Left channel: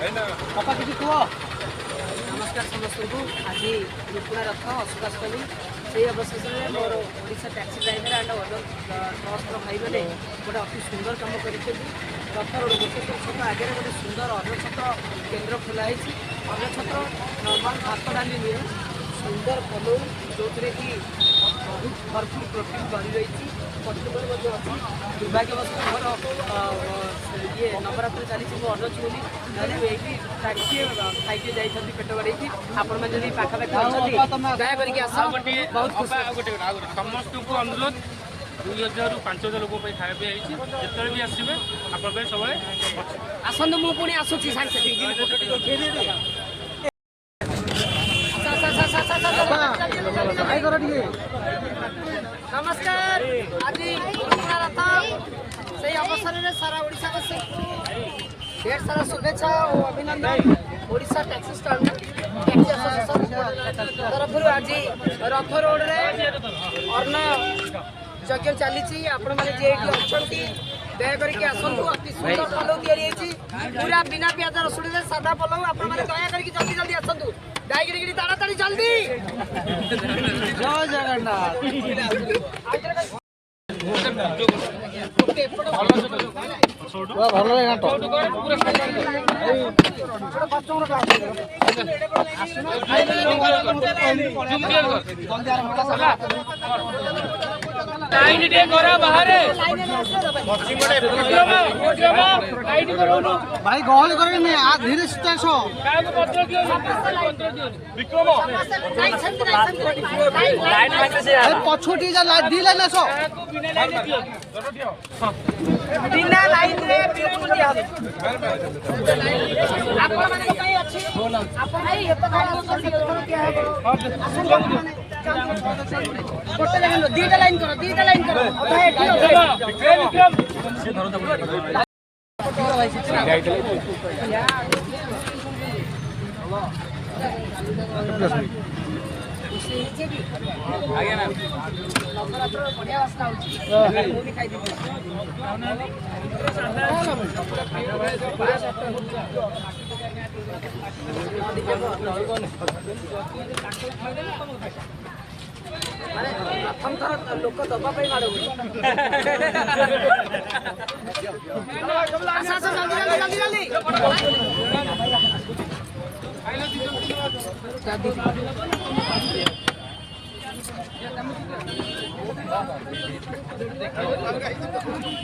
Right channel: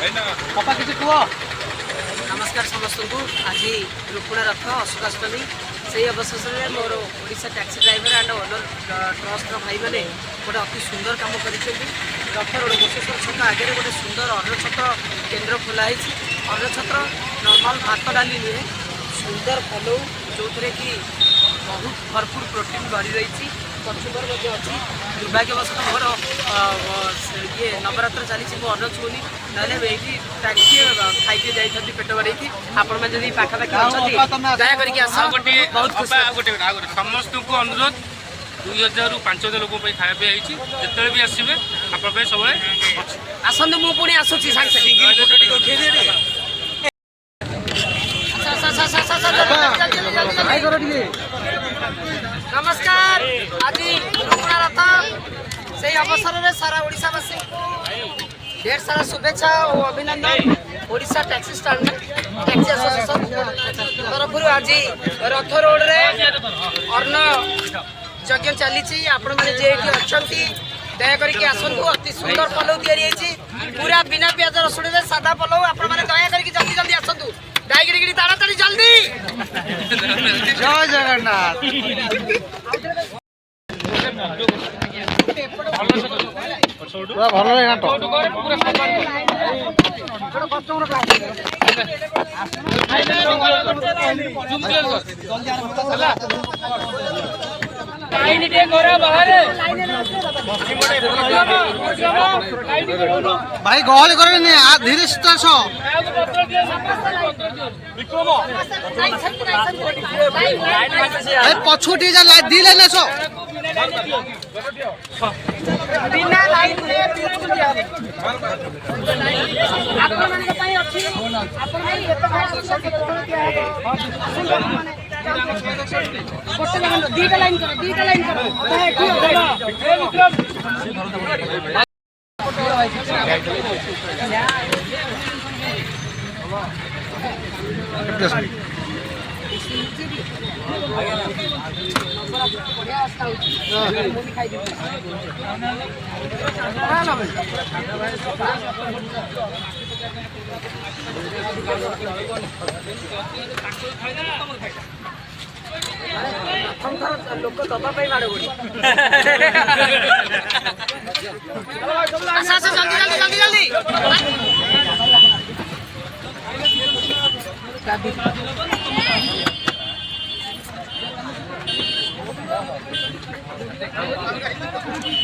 बापा किसी कुह नमस्कार समस्त को आज रुकुणा रथ अशोकाष्टमी से अवसर में मोर Odisha taxi driver and owner trust भाई मैंने गोटे अति सुंदर काम कर रथ रोड बसेश्वर छक आगे गोटे सुंदर अन्न छत्र केन्द्र खोलाई अन्न छत्र नॉर्मल भात डाली नुहे सुंदर पलौ जो कि बहुत भरपूर प्रोटीन बढ़ी रही कचुमर अच्छी दुर्भाग्यवश मोर ये नवरात्र चली अन्न छुनी ना टैक्सी खाई जाती पेट बढ़ेगी आपण मैंने पाखापाखि अच्छा दया बहुत समस्त को अनुरोध 2000 ରୁ 5000 लोक खाया जिते भी आसवे आप सब आसतु मु पुणी आसूची नमस्कार आज रुकुणा रथ से अवसर में सारा ओडिशावासी को ढेर सारा शुभेच्छा और अभिनंदन। Odisha taxi stand taxi association तरफ आज रथ रोड रे अर्ण यज्ञ चली आपण मैंने जे अच्छा दया करके आसतु अति सुंदर पलौ तैयारी पूरा बिना प्याज रसुण सादा पलौ आपण मैंने दया करके जल्दी जल्दी आसतु दाइगिरी ताड़ाताड़ी जल्दी जय जगन्नाथ भल भाई गहल कर धीरे पछु दी लाइन आस दीटा लाइन करो लोक दबा जल्दी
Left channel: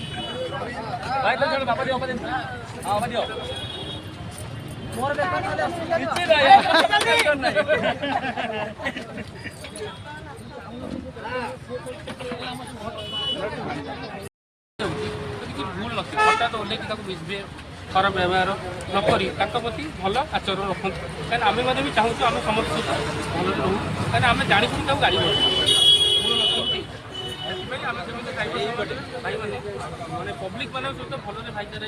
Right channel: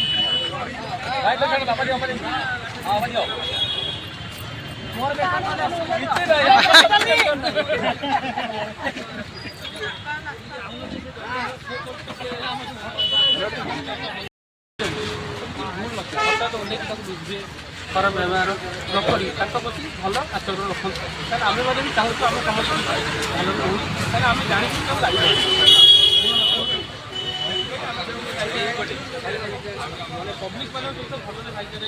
भाई तो बाबा दियो बाबा दियो मोर भूल लक्ष्य हठात ओल्ल खराब व्यवहार नकरी प्रति भल आचरण रखु आम भी चाहूँ आम समस्त भल रहू कहीं आम जाणी गाड़ी माने पब्लिक मान सहित भल भाईचारा